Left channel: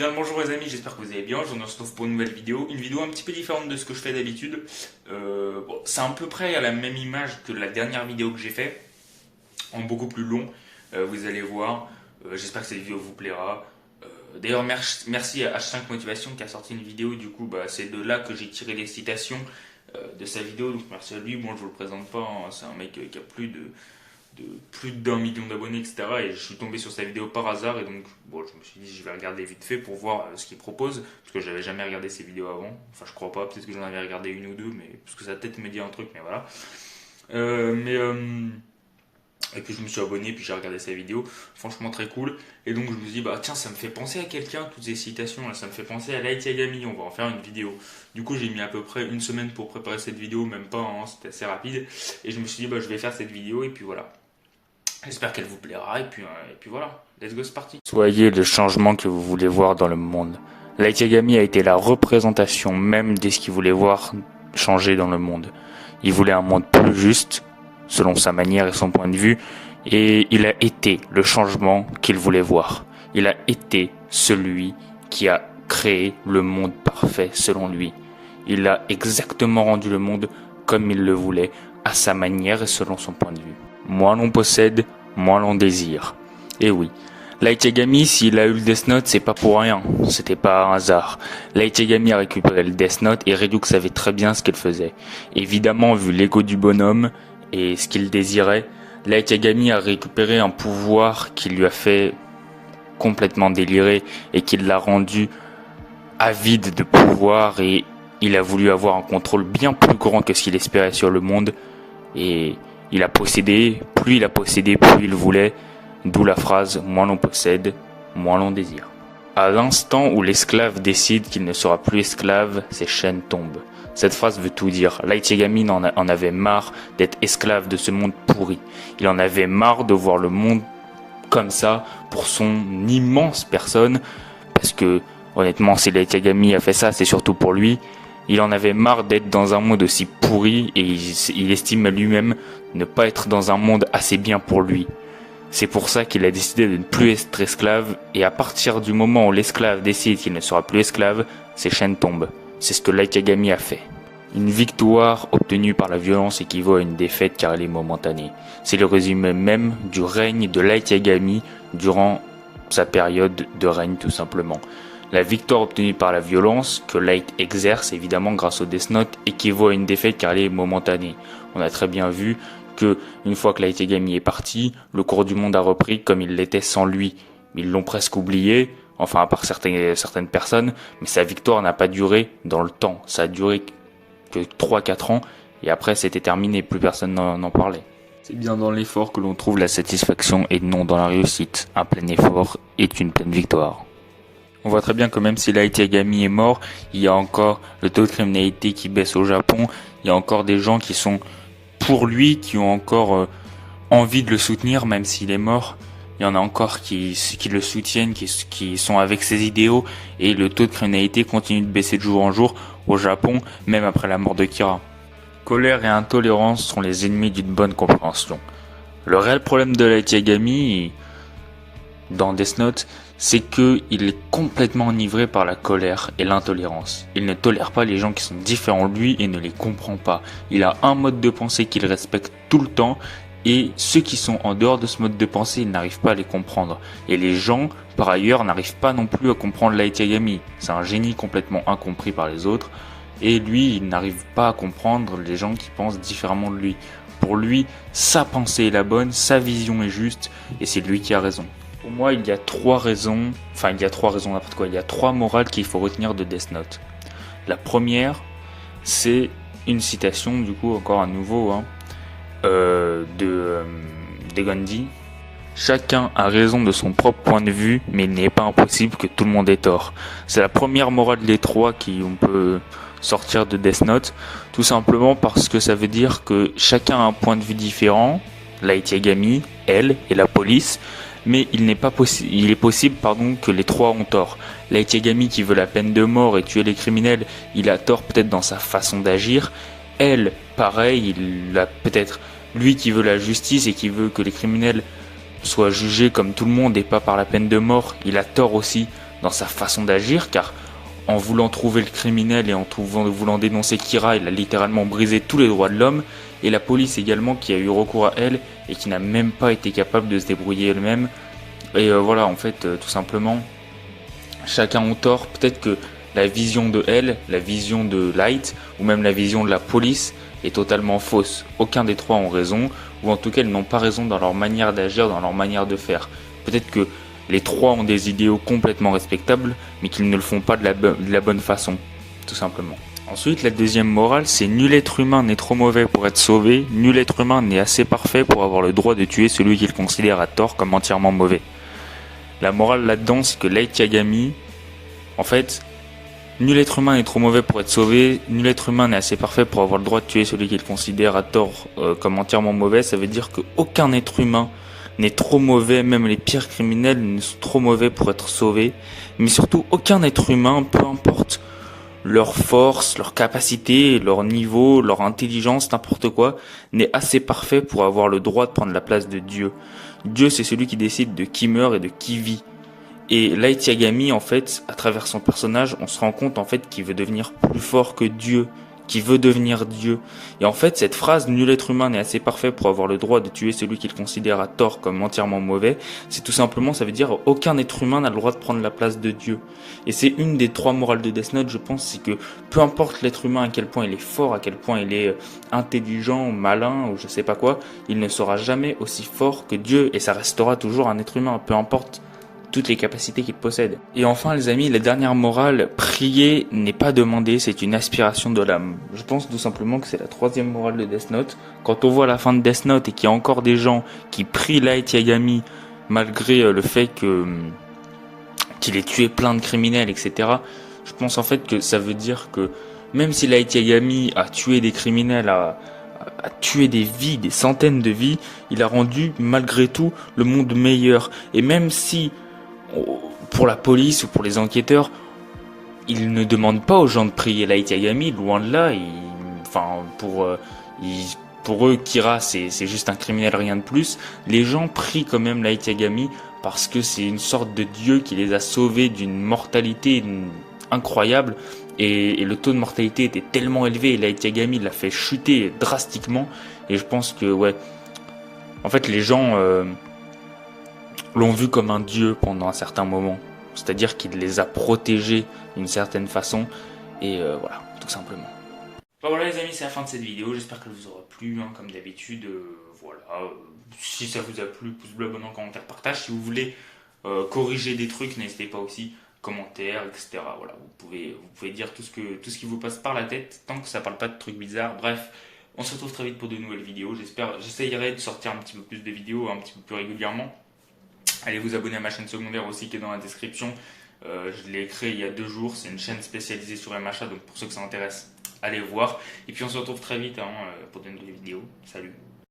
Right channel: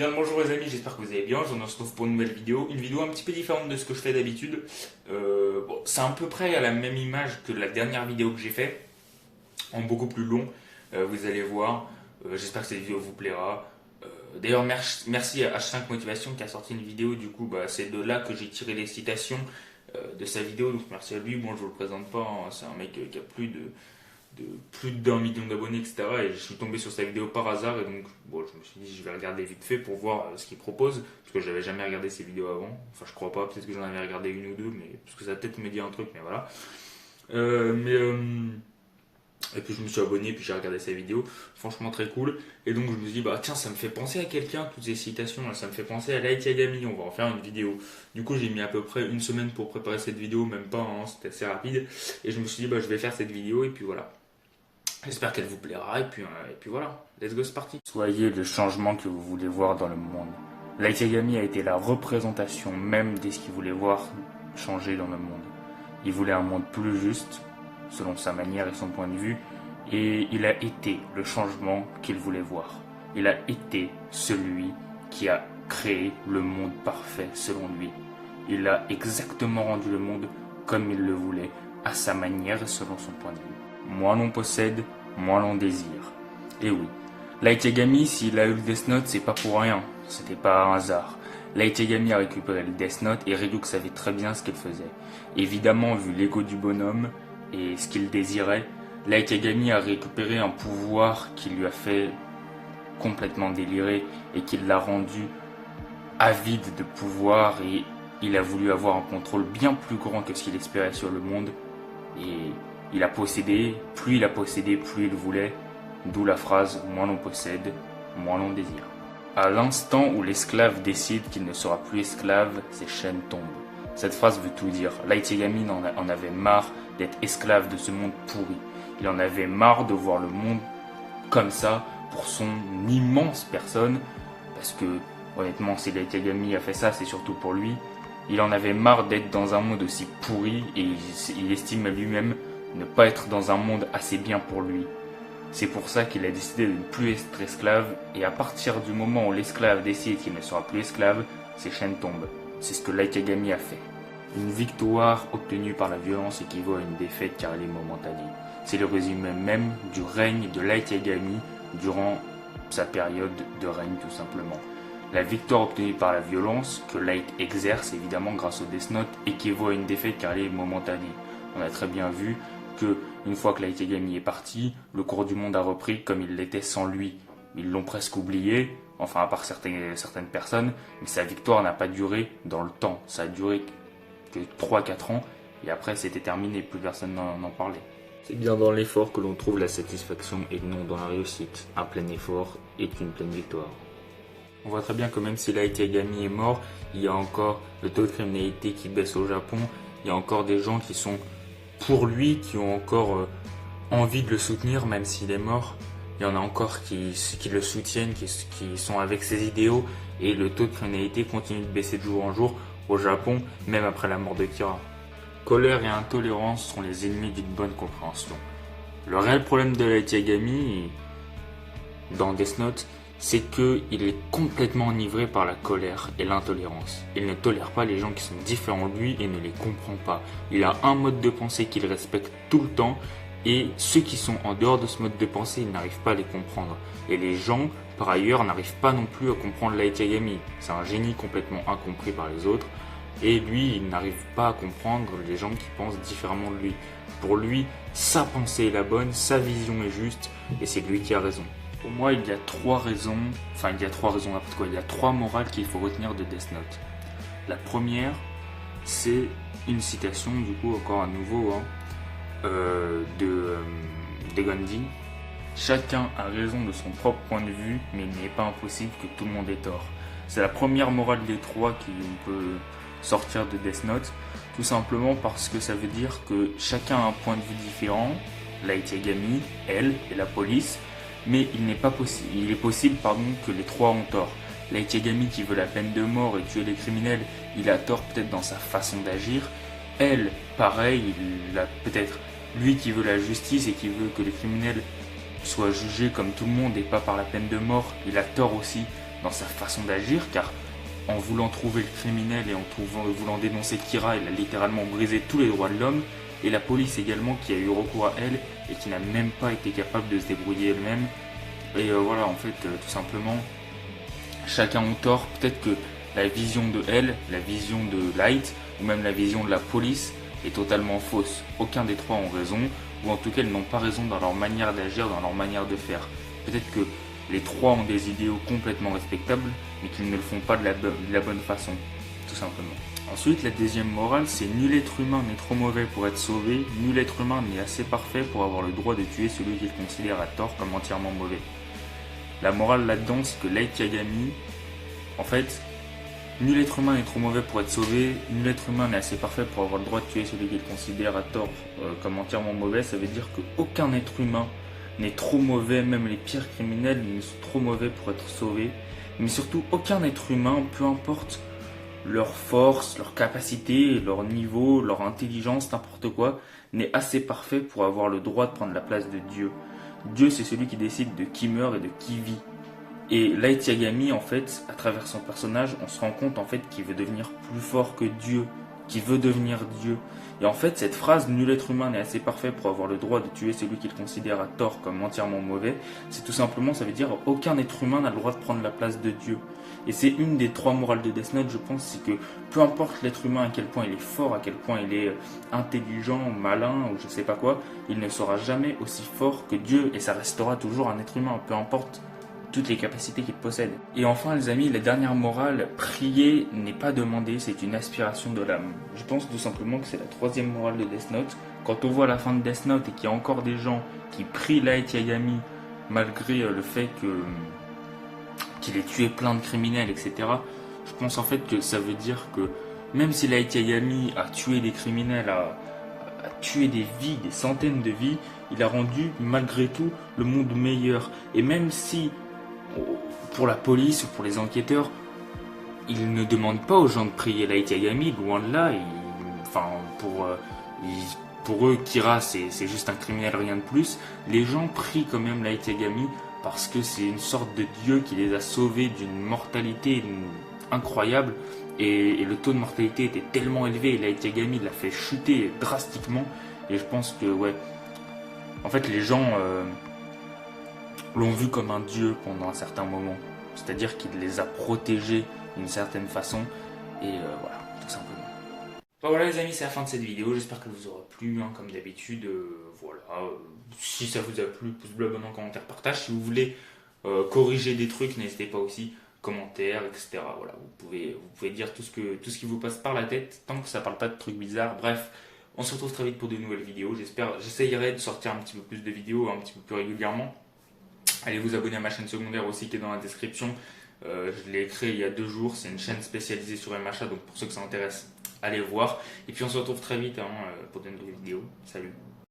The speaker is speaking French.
Bien le bonjour les amis, j'espère que vous allez bien. Je vous retrouve pour une nouvelle vidéo. Une vidéo un petit peu différente de ce que je fais d'habitude. C'est à peu près à la même image que la dernière vidéo que j'ai fait, en beaucoup plus long. Vous allez voir. J'espère que cette vidéo vous plaira. D'ailleurs, merci à H5 Motivation qui a sorti une vidéo. Du coup, c'est de là que j'ai tiré les citations de sa vidéo. Donc merci à lui. Bon, je vous le présente pas, hein. C'est un mec qui a plus d'1 million d'abonnés, etc. Et je suis tombé sur sa vidéo par hasard. Et donc, bon, je me suis dit, je vais regarder vite fait pour voir ce qu'il propose. Parce que j'avais jamais regardé ses vidéos avant. Enfin, je crois pas. Peut-être que j'en avais regardé une ou deux. Mais, parce que ça peut-être me dit un truc, mais voilà. Et puis je me suis abonné, puis j'ai regardé sa vidéo, franchement très cool. Et donc je me dis, tiens, ça me fait penser à quelqu'un, toutes ces citations là, ça me fait penser à Light Yagami, on va en faire une vidéo. Du coup j'ai mis à peu près une semaine pour préparer cette vidéo, même pas, hein, c'était assez rapide. Et je me suis dit, je vais faire cette vidéo, et puis voilà. J'espère qu'elle vous plaira, et puis voilà, let's go, c'est parti. Soyez le changement que vous voulez voir dans le monde. Light Yagami a été la représentation même de ce qu'il voulait voir changer dans le monde. Il voulait un monde plus juste, selon sa manière et son point de vue, et il a été le changement qu'il voulait voir. Il a été celui qui a créé le monde parfait selon lui. Il a exactement rendu le monde comme il le voulait, à sa manière et selon son point de vue. Moins l'on possède, moins l'on désire. Et oui, Light Yagami, s'il a eu le Death Note, c'est pas pour rien, c'était pas un hasard. Light Yagami a récupéré le Death Note et Redux savait très bien ce qu'il faisait. Évidemment, vu l'ego du bonhomme et ce qu'il désirait, Light Yagami a récupéré un pouvoir qui lui a fait complètement délirer et qui l'a rendu avide de pouvoir, et il a voulu avoir un contrôle bien plus grand que ce qu'il espérait sur le monde, et il a possédé, plus il voulait, d'où la phrase « moins l'on possède, moins l'on désire ». À l'instant où l'esclave décide qu'il ne sera plus esclave, ses chaînes tombent. Cette phrase veut tout dire. Light Yagami en avait marre d'être esclave de ce monde pourri. Il en avait marre de voir le monde comme ça pour son immense personne. Parce que, honnêtement, si Light Yagami a fait ça, c'est surtout pour lui. Il en avait marre d'être dans un monde aussi pourri, et il estime à lui-même ne pas être dans un monde assez bien pour lui. C'est pour ça qu'il a décidé de ne plus être esclave, et à partir du moment où l'esclave décide qu'il ne sera plus esclave, ses chaînes tombent. C'est ce que Light Yagami a fait. Une victoire obtenue par la violence équivaut à une défaite car elle est momentanée. C'est le résumé même du règne de Light Yagami durant sa période de règne, tout simplement. La victoire obtenue par la violence, que Light exerce évidemment grâce au Death Note, équivaut à une défaite car elle est momentanée. On a très bien vu que une fois que Light Yagami est parti, le cours du monde a repris comme il l'était sans lui. Ils l'ont presque oublié, enfin à part certaines personnes, mais sa victoire n'a pas duré dans le temps. Ça a duré que 3-4 ans, et après c'était terminé, plus personne n'en parlait. C'est bien dans l'effort que l'on trouve la satisfaction et non dans la réussite. Un plein effort est une pleine victoire. On voit très bien que même si Light Yagami est mort, il y a encore le taux de criminalité qui baisse au Japon, il y a encore des gens qui sont pour lui, qui ont encore envie de le soutenir même s'il est mort. Il y en a encore qui le soutiennent, qui sont avec ses idéaux, et le taux de criminalité continue de baisser de jour en jour au Japon, même après la mort de Kira. Colère et intolérance sont les ennemis d'une bonne compréhension. Le réel problème de Light Yagami dans Death Note, c'est qu'il est complètement enivré par la colère et l'intolérance. Il ne tolère pas les gens qui sont différents de lui et ne les comprend pas. Il a un mode de pensée qu'il respecte tout le temps, et ceux qui sont en dehors de ce mode de pensée, il n'arrive pas à les comprendre. Et les gens, par ailleurs, n'arrivent pas non plus à comprendre Light Yagami. C'est un génie complètement incompris par les autres, et lui, il n'arrive pas à comprendre les gens qui pensent différemment de lui. Pour lui, sa pensée est la bonne, sa vision est juste, et c'est lui qui a raison. Pour moi, il y a trois morales qu'il faut retenir de Death Note. La première, c'est une citation, du coup, encore à nouveau, de Gandhi. Chacun a raison de son propre point de vue, mais il n'est pas impossible que tout le monde ait tort. C'est la première morale des trois qu'on peut sortir de Death Note, tout simplement parce que ça veut dire que chacun a un point de vue différent, Light Yagami, elle et la police, mais il est possible que les trois ont tort. Light Yagami qui veut la peine de mort et tuer les criminels, il a tort peut-être dans sa façon d'agir. Elle, pareil, il a peut-être lui qui veut la justice et qui veut que les criminels soient jugés comme tout le monde et pas par la peine de mort, il a tort aussi dans sa façon d'agir, car en voulant trouver le criminel et en voulant dénoncer Kira, il a littéralement brisé tous les droits de l'homme, et la police également qui a eu recours à elle et qui n'a même pas été capable de se débrouiller elle-même. Et voilà, en fait, tout simplement, chacun ont tort. Peut-être que la vision de elle, la vision de Light, ou même la vision de la police est totalement fausse. Aucun des trois ont raison, ou en tout cas ils n'ont pas raison dans leur manière d'agir, dans leur manière de faire. Peut-être que les trois ont des idéaux complètement respectables, mais qu'ils ne le font pas de la bonne façon, tout simplement. Ensuite, la deuxième morale, c'est nul être humain n'est trop mauvais pour être sauvé, nul être humain n'est assez parfait pour avoir le droit de tuer celui qu'il considère à tort comme entièrement mauvais. La morale là-dedans, c'est que Light Yagami, en fait, nul être humain n'est trop mauvais pour être sauvé, nul être humain n'est assez parfait pour avoir le droit de tuer celui qu'il considère à tort comme entièrement mauvais. Ça veut dire qu'aucun être humain n'est trop mauvais, même les pires criminels ne sont trop mauvais pour être sauvés. Mais surtout, aucun être humain, peu importe leur force, leur capacité, leur niveau, leur intelligence, n'importe quoi, n'est assez parfait pour avoir le droit de prendre la place de Dieu. Dieu, c'est celui qui décide de qui meurt et de qui vit. Et Light Yagami, en fait, à travers son personnage, on se rend compte en fait qu'il veut devenir plus fort que Dieu, qu'il veut devenir Dieu. Et en fait, cette phrase, nul être humain n'est assez parfait pour avoir le droit de tuer celui qu'il considère à tort comme entièrement mauvais, c'est tout simplement, ça veut dire aucun être humain n'a le droit de prendre la place de Dieu. Et c'est une des trois morales de Death Note, je pense, c'est que peu importe l'être humain, à quel point il est fort, à quel point il est intelligent, malin, ou je sais pas quoi, il ne sera jamais aussi fort que Dieu, et ça restera toujours un être humain, peu importe toutes les capacités qu'il possède. Et enfin les amis, la dernière morale, prier n'est pas demander, c'est une aspiration de l'âme. Je pense tout simplement que c'est la troisième morale de Death Note. Quand on voit la fin de Death Note et qu'il y a encore des gens qui prient Light Yagami malgré le fait qu'il ait tué plein de criminels, etc. Je pense en fait que ça veut dire que même si Light Yagami a tué des criminels, a tué des vies, des centaines de vies, il a rendu malgré tout le monde meilleur. Et même si pour la police ou pour les enquêteurs, ils ne demandent pas aux gens de prier Light Yagami, loin de là. Pour eux, Kira, c'est juste un criminel, rien de plus. Les gens prient quand même Light Yagami parce que c'est une sorte de dieu qui les a sauvés d'une mortalité incroyable. Et le taux de mortalité était tellement élevé et Light Yagami l'a fait chuter drastiquement. Et je pense que, ouais, en fait, les gens l'ont vu comme un dieu pendant un certain moment. C'est-à-dire qu'il les a protégés d'une certaine façon. Et voilà, tout simplement. Bon, voilà les amis, c'est la fin de cette vidéo. J'espère qu'elle vous aura plu, hein, comme d'habitude. Voilà. Si ça vous a plu, pouce bleu, abonnement, commentaire, partage. Si vous voulez corriger des trucs, n'hésitez pas aussi. Commentaires, etc. Voilà, vous pouvez dire tout ce qui vous passe par la tête, tant que ça parle pas de trucs bizarres. Bref, on se retrouve très vite pour de nouvelles vidéos. J'essayerai de sortir un petit peu plus de vidéos, un petit peu plus régulièrement. Allez vous abonner à ma chaîne secondaire aussi qui est dans la description. Je l'ai créée il y a 2 jours. C'est une chaîne spécialisée sur MHA, donc pour ceux que ça intéresse, allez voir. Et puis on se retrouve très vite pour de nouvelles vidéos. Salut.